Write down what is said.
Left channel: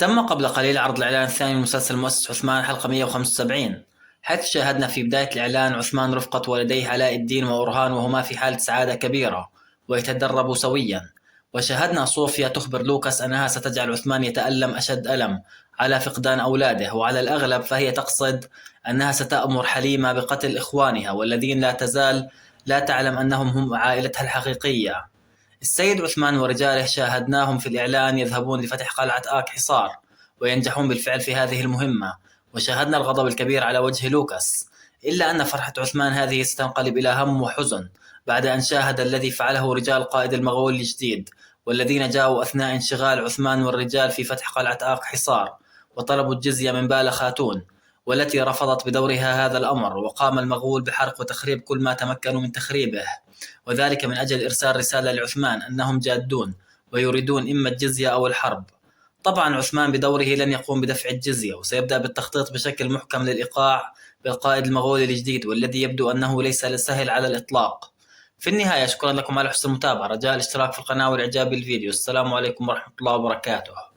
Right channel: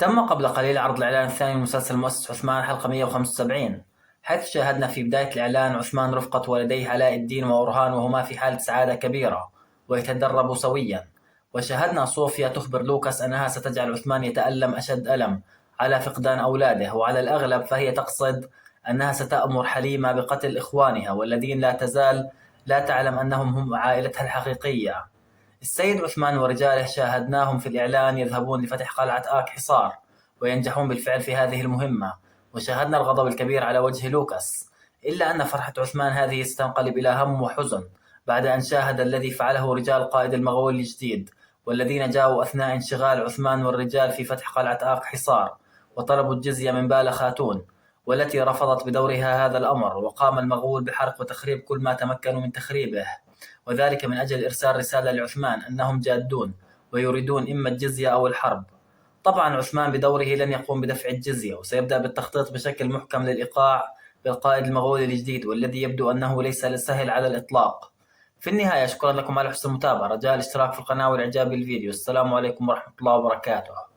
تم قبل قليل عرض الإعلان الثاني من مسلسل مؤسس عثمان حلقة 175، حيث شاهدنا في بداية الإعلان عثمان رفقة والديه علاء الدين وأورهان وهما في حالة سعادة كبيرة ويتدربوا سويا، وشاهدنا صوفيا تخبر لوكاس أنها ستجعل عثمان يتألم أشد ألم على فقدان أولاده، وعلى الأغلب فهي تقصد أنها ستأمر حليمة بقتل إخوانها والذين لا تزال لا تعلم أنهم هم عائلتها الحقيقية. السيد عثمان ورجاله شاهدناهم في الإعلان يذهبون لفتح قلعة آك حصار وينجحون بالفعل في هذه المهمة، وشاهدنا الغضب الكبير على وجه لوكاس، إلا أن فرحة عثمان هذه ستنقلب إلى هم وحزن بعد أن شاهد الذي فعله رجال قائد المغول الجديد والذين جاءوا أثناء انشغال عثمان والرجال في فتح قلعة آك حصار وطلبوا الجزية من بالا خاتون، والتي رفضت بدورها هذا الأمر، وقام المغول بحرق وتخريب كل ما تمكنوا من تخريبه، وذلك من أجل إرسال رسالة لعثمان أنهم جادون ويريدون إما الجزية أو الحرب. طبعا عثمان بدوره لن يقوم بدفع الجزية، وسيبدأ بالتخطيط بشكل محكم للإيقاع بالقائد المغولي الجديد والذي يبدو أنه ليس سهل على الإطلاق. في النهاية شكرا لكم على حسن المتابعة، رجاء الاشتراك في القناة والإعجاب بالفيديو. السلام عليكم ورحمة الله وبركاته.